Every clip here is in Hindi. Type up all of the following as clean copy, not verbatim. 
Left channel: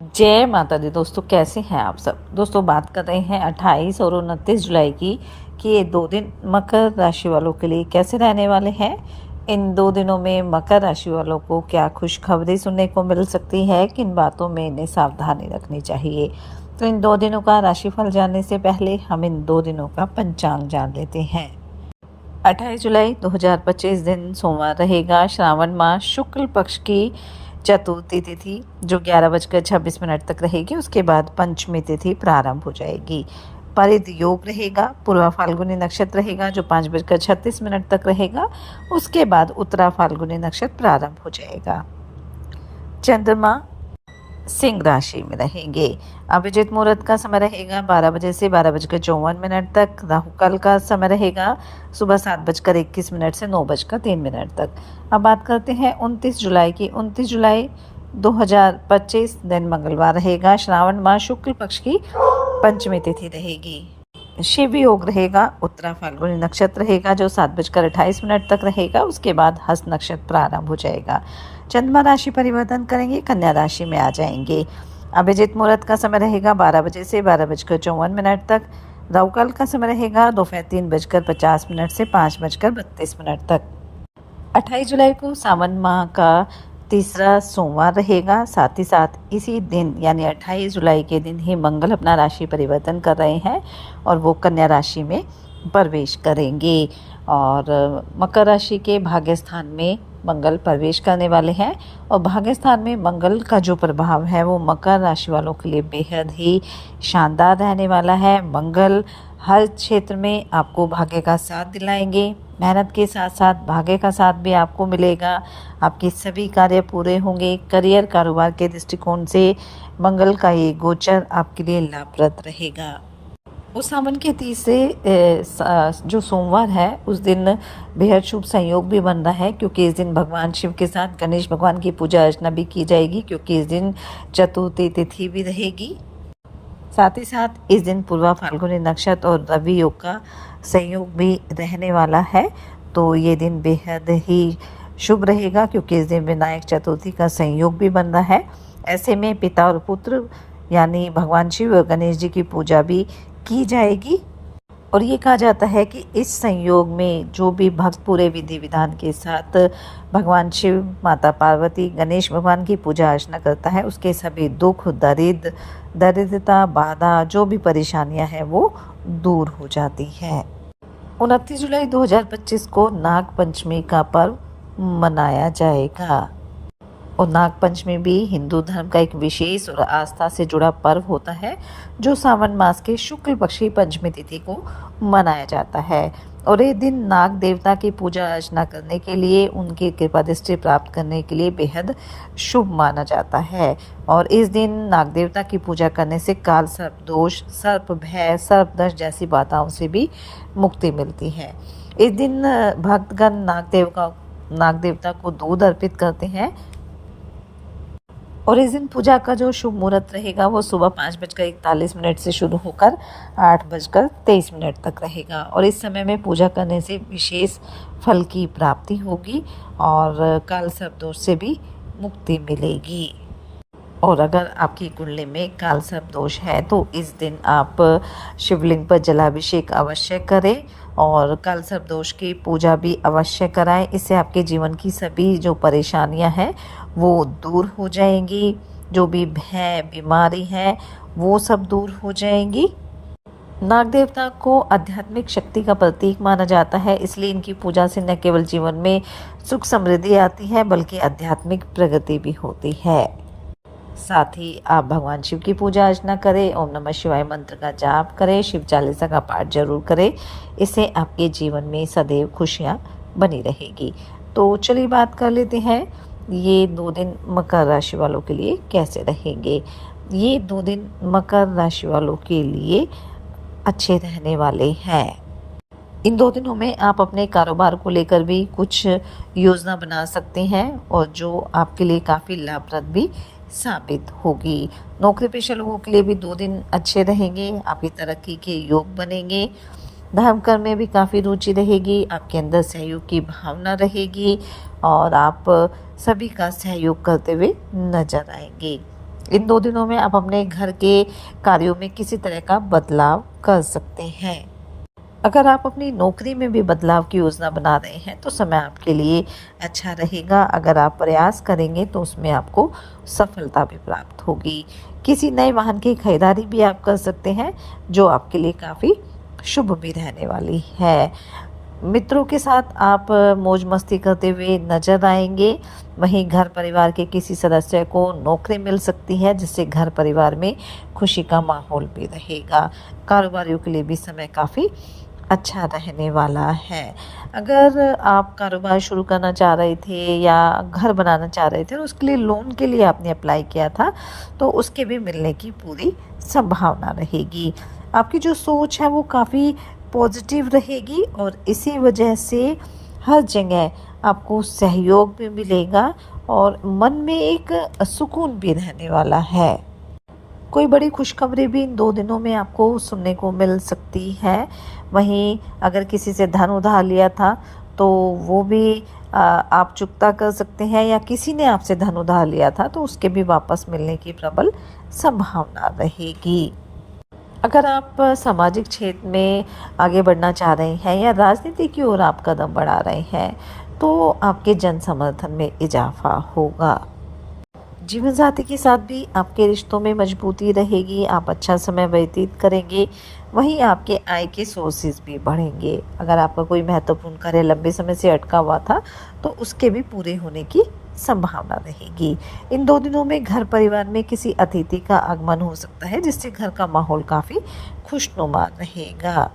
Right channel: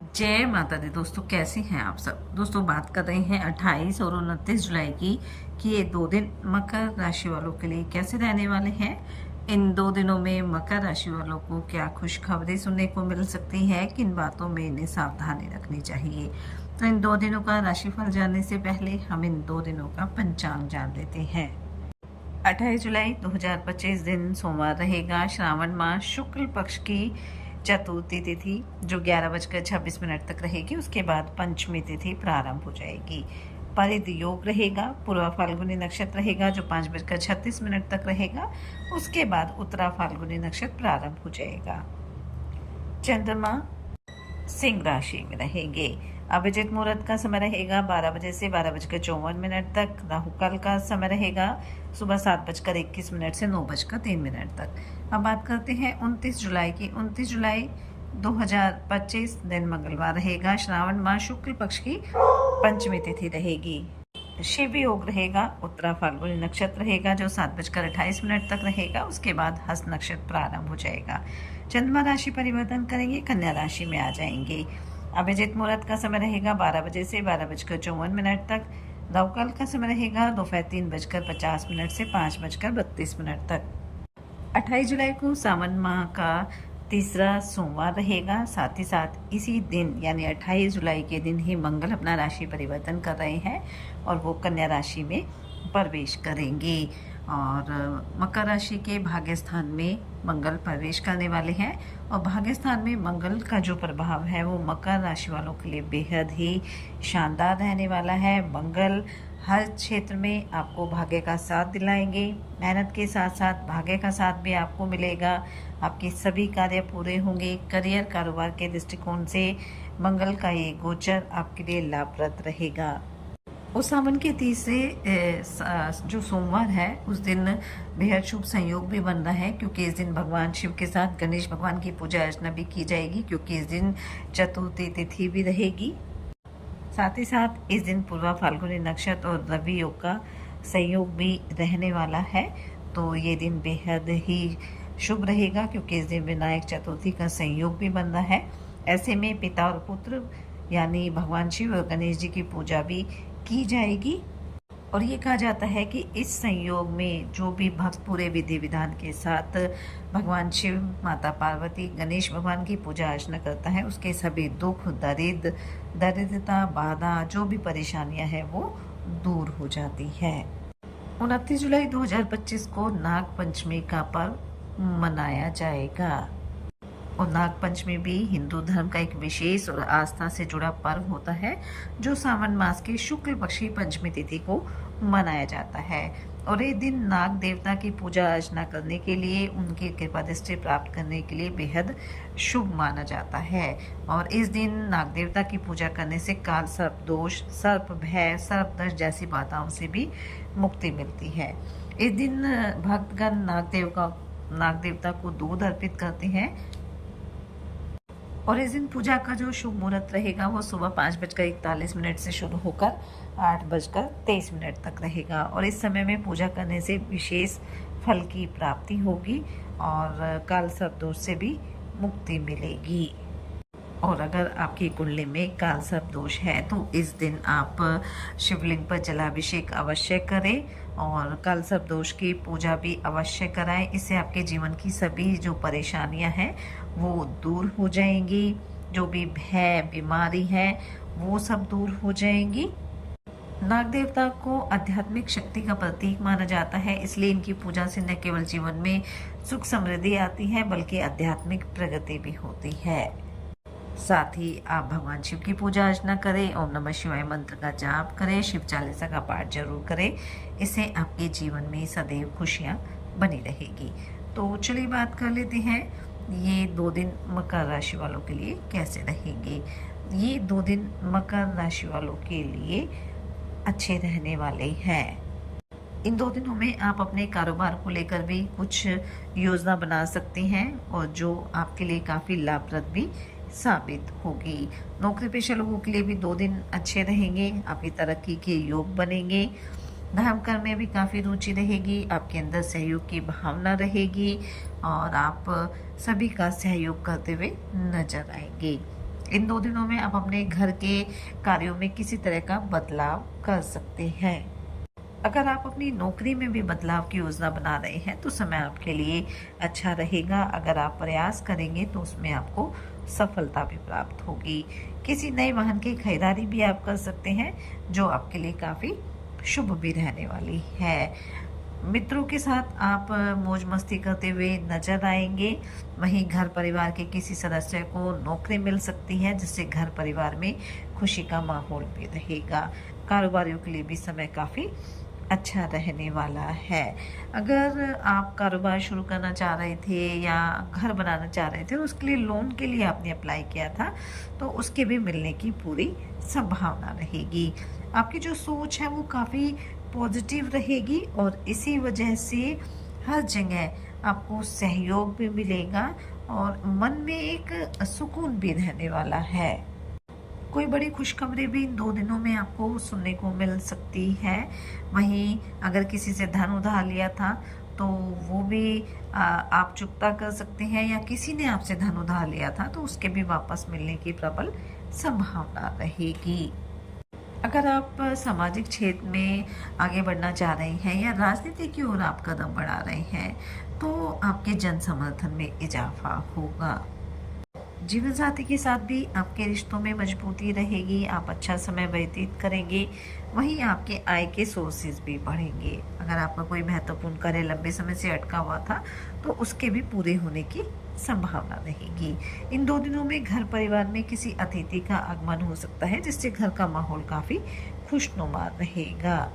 जय माता दी। दोस्तों कैसे हैं आप सब। दोस्तों बात कर रहे हैं 28 और 29 जुलाई की कि ये 2 दिन मकर राशि वालों के लिए कैसे रहने वाले हैं। इन 2 दिनों में मकर राशि वालों को क्या खुशखबरी सुनने को मिल सकती है, किन बातों में इन्हें सावधानी रखनी चाहिए। तो इन 2 दिनों का राशिफल जानने से पहले हम इन 2 दिनों का पंचांग जान लेते हैं। 28 जुलाई 2025 दिन सोमवार रहेगा। श्रावण मास शुक्ल पक्ष की चतुर्थी तिथि जो 11:26 तक रहेगी। उसके बाद पंचमी तिथि प्रारंभ हो जाएगी। परिध योग रहेगा। पूर्वा फाल्गुनी नक्षत्र रहेगा जो 5:36 तक रहेगा। उसके बाद उत्तरा फाल्गुनी नक्षत्र प्रारंभ हो जाएगा। चंद्रमा सिंह राशि में रहेंगे। अभिजित मुहूर्त का समय रहेगा 12 बजे से 12:54 तक। राहु काल का समय रहेगा सुबह 7:21 से 9:03 तक। अब बात करते हैं 29 जुलाई की। 29 जुलाई 2025 दिन मंगलवार रहेगा। श्रावण मास शुक्ल पक्ष की पंचमी तिथि रहेगी। शिव योग रहेगा। उत्तरा फाल्गुनी नक्षत्र रहेगा जो 7:28 तक रहेगा। उसके बाद हस्त नक्षत्र प्रारंभ हो जाएगा। चंद्रमा राशि परिवर्तन करेंगे, कन्या राशि में आ जाएंगे। अभिजित मुहूर्त का समय रहेगा 12 बजे से 12:54 तक। राहु काल का समय रहेगा दोपहर 3:50 से 5:32 तक। 28 जुलाई को सावन माह का तीसरा सोमवार रहेगा। साथ ही साथ इसी दिन यानी 28 जुलाई के दिन ही मंगल अपना राशि परिवर्तन कर रहे हैं और वो कन्या राशि में प्रवेश करेंगे और मकर राशि के भाग्य स्थान में मंगल प्रवेश करने वाले हैं। और भाग्य स्थान में मंगल का जो प्रभाव है वो मकर राशि वालों के लिए बेहद ही शानदार रहने वाला है। मंगल हर क्षेत्र में आपको भाग्य का साथ दिलाएंगे। मेहनत के साथ साथ भाग्य का साथ भी आपको मिलेगा। आपके सभी कार्य पूरे होंगे। करियर कारोबार के दृष्टिकोण से मंगल का ये गोचर आपके लिए लाभप्रद रहेगा। उस सावन के तीसरे जो सोमवार है उस दिन बेहद शुभ संयोग भी बन रहा है, क्योंकि इस दिन भगवान शिव के साथ गणेश भगवान की पूजा अर्चना भी की जाएगी, क्योंकि इस दिन चतुर्थी तिथि भी रहेगी। साथ ही साथ इस दिन पूर्वा फाल्गुनी नक्षत्र और रवि योग का संयोग भी रहने वाला है। तो ये दिन बेहद ही शुभ रहेगा, क्योंकि इस दिन विनायक चतुर्थी का संयोग भी बन रहा है। ऐसे में पिता और पुत्र यानी भगवान शिव और गणेश जी की पूजा भी की जाएगी। और ये कहा जाता है कि इस संयोग में जो भी भक्त पूरे विधि विधान के साथ भगवान शिव, माता पार्वती, गणेश भगवान की पूजा अर्चना करता है उसके सभी दुख, दरिद्रता, बाधा, जो भी परेशानियां हैं वो दूर हो जाती है। 29 जुलाई 2025 को नाग पंचमी का पर्व मनाया जाएगा। और नाग पंचमी भी हिंदू धर्म का एक विशेष और आस्था से जुड़ा पर्व होता है जो सावन मास के शुक्ल पक्ष की पंचमी तिथि को मनाया जाता है। और ये दिन नाग देवता की पूजा अर्चना करने के लिए, उनकी कृपा दृष्टि प्राप्त करने के लिए बेहद शुभ माना जाता है। और इस दिन नाग देवता की पूजा करने से काल सर्प दोष, सर्प भय, सर्प दंश जैसी बाधाओं से भी मुक्ति मिलती है। इस दिन भक्तगण नाग देवता को दूध अर्पित करते हैं। और इस दिन पूजा का जो शुभ मुहूर्त रहेगा वो सुबह 5:41 से शुरू होकर 8:23 तक रहेगा। और इस समय में पूजा करने से विशेष फल की प्राप्ति होगी और काल सर्प दोष से भी मुक्ति मिलेगी। और अगर आपकी कुंडली में काल सर्प दोष है तो इस दिन आप शिवलिंग पर जलाभिषेक अवश्य करें और काल सर्प दोष की पूजा भी अवश्य कराएं। इससे आपके जीवन की सभी जो परेशानियां हैं वो दूर हो जाएंगी। जो भी भय, बीमारी है वो सब दूर हो जाएंगी। नाग देवता को आध्यात्मिक शक्ति का प्रतीक माना जाता है, इसलिए इनकी पूजा से न केवल जीवन में सुख समृद्धि आती है बल्कि आध्यात्मिक प्रगति भी होती है। साथ ही आप भगवान शिव की पूजा अर्चना करें, ओम नमः शिवाय मंत्र का जाप करें, शिव चालीसा का पाठ जरूर करें। इससे आपके जीवन में सदैव खुशियाँ बनी रहेगी। तो चलिए बात कर लेते हैं ये 2 दिन मकर राशि वालों के लिए कैसे रहेंगे। ये 2 दिन मकर राशि वालों के लिए अच्छे रहने वाले हैं। इन 2 दिनों में आप अपने कारोबार को लेकर भी कुछ योजना बना सकते हैं और जो आपके लिए काफ़ी लाभप्रद भी साबित होगी। नौकरी पेशा लोगों के लिए भी 2 दिन अच्छे रहेंगे। आपकी तरक्की के योग बनेंगे। धर्म कर्म में भी काफ़ी रुचि रहेगी। आपके अंदर सहयोग की भावना रहेगी और आप सभी का सहयोग करते हुए नजर आएंगे। इन 2 दिनों में आप अपने घर के कार्यों में किसी तरह का बदलाव कर सकते हैं। अगर आप अपनी नौकरी में भी बदलाव की योजना बना रहे हैं तो समय आपके लिए अच्छा रहेगा। अगर आप प्रयास करेंगे तो उसमें आपको सफलता भी प्राप्त होगी। किसी नए वाहन की खरीदारी भी आप कर सकते हैं जो आपके लिए काफ़ी शुभ भी रहने वाली है। मित्रों के साथ आप मौज मस्ती करते हुए नजर आएंगे। वहीं घर परिवार के किसी सदस्य को नौकरी मिल सकती है जिससे घर परिवार में खुशी का माहौल भी रहेगा। कारोबारियों के लिए भी समय काफ़ी अच्छा रहने वाला है। अगर आप कारोबार शुरू करना चाह रहे थे या घर बनाना चाह रहे थे और उसके लिए लोन के लिए आपने अप्लाई किया था तो उसके भी मिलने की पूरी संभावना रहेगी। आपकी जो सोच है वो काफ़ी पॉजिटिव रहेगी और इसी वजह से हर जगह आपको सहयोग भी मिलेगा और मन में एक सुकून भी रहने वाला है। कोई बड़ी खुशखबरी भी इन 2 दिनों में आपको सुनने को मिल सकती है। वहीं अगर किसी से धन उधार लिया था तो वो भी आप चुकता कर सकते हैं या किसी ने आपसे धन उधार लिया था तो उसके भी वापस मिलने की प्रबल संभावना रहेगी। अगर आप सामाजिक क्षेत्र में आगे बढ़ना चाह रहे हैं या राजनीति की ओर आप कदम बढ़ा रहे हैं तो आपके जन समर्थन में इजाफा होगा। जीवन साथी के साथ भी आपके रिश्तों में मजबूती रहेगी, आप अच्छा समय व्यतीत करेंगे। वहीं आपके आय के सोर्सेज भी बढ़ेंगे। अगर आपका कोई महत्वपूर्ण कार्य लंबे समय से अटका हुआ था तो उसके भी पूरे होने की संभावना रहेगी। इन 2 दिनों में घर परिवार में किसी अतिथि का आगमन हो सकता है जिससे घर का माहौल काफ़ी खुशनुमा रहेगा।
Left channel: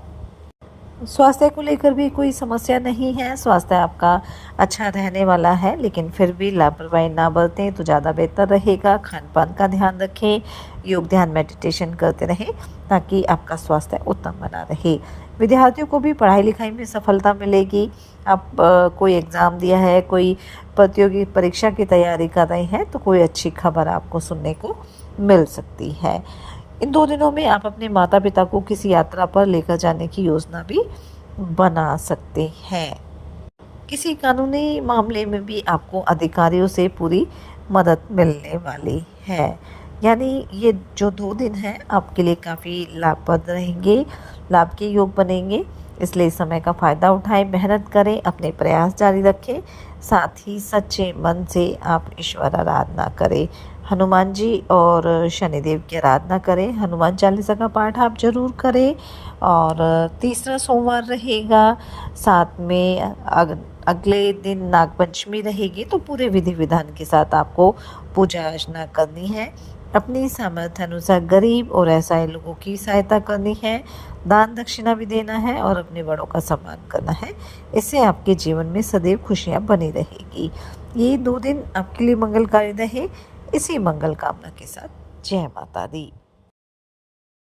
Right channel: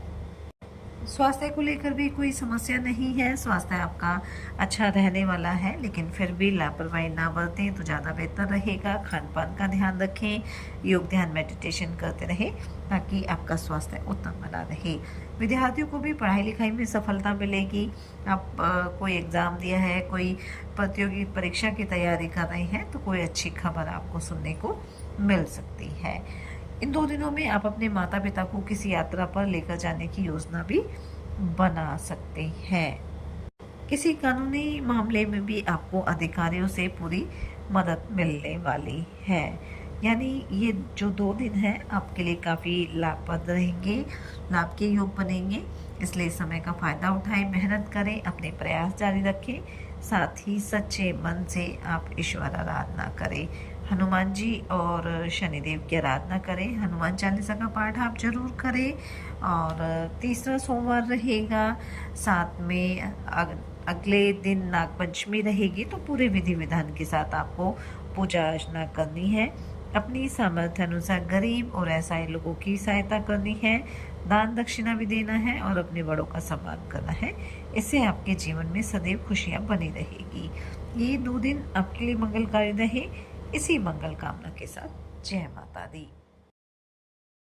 स्वास्थ्य को लेकर भी कोई समस्या नहीं है। स्वास्थ्य आपका अच्छा रहने वाला है लेकिन फिर भी लापरवाही ना बरतें तो ज़्यादा बेहतर रहेगा। खान पान का ध्यान रखें, योग ध्यान मेडिटेशन करते रहें ताकि आपका स्वास्थ्य उत्तम बना रहे। विद्यार्थियों को भी पढ़ाई लिखाई में सफलता मिलेगी। आप कोई एग्ज़ाम दिया है, कोई प्रतियोगी परीक्षा की तैयारी कर रहे हैं तो कोई अच्छी खबर आपको सुनने को मिल सकती है। इन 2 दिनों में आप अपने माता पिता को किसी यात्रा पर लेकर जाने की योजना भी बना सकते हैं। किसी कानूनी मामले में भी आपको अधिकारियों से पूरी मदद मिलने वाली है। यानी ये जो 2 दिन हैं आपके लिए काफ़ी लाभप्रद रहेंगे, लाभ के योग बनेंगे। इसलिए समय का फ़ायदा उठाएं, मेहनत करें, अपने प्रयास जारी रखें। साथ ही सच्चे मन से आप ईश्वर आराधना करें। हनुमान जी और शनिदेव की आराधना करें। हनुमान चालीसा का पाठ आप ज़रूर करें। और तीसरा सोमवार रहेगा, साथ में अगले दिन नागपंचमी रहेगी तो पूरे विधि विधान के साथ आपको पूजा अर्चना करनी है। अपनी सामर्थ्य अनुसार गरीब और असहाय लोगों की सहायता करनी है। दान दक्षिणा भी देना है और अपने बड़ों का सम्मान करना है। इससे आपके जीवन में सदैव खुशियाँ बनी रहेगी। ये 2 दिन आपके लिए मंगलकारी रहे। इसी मंगल कामना के साथ जय माता दी।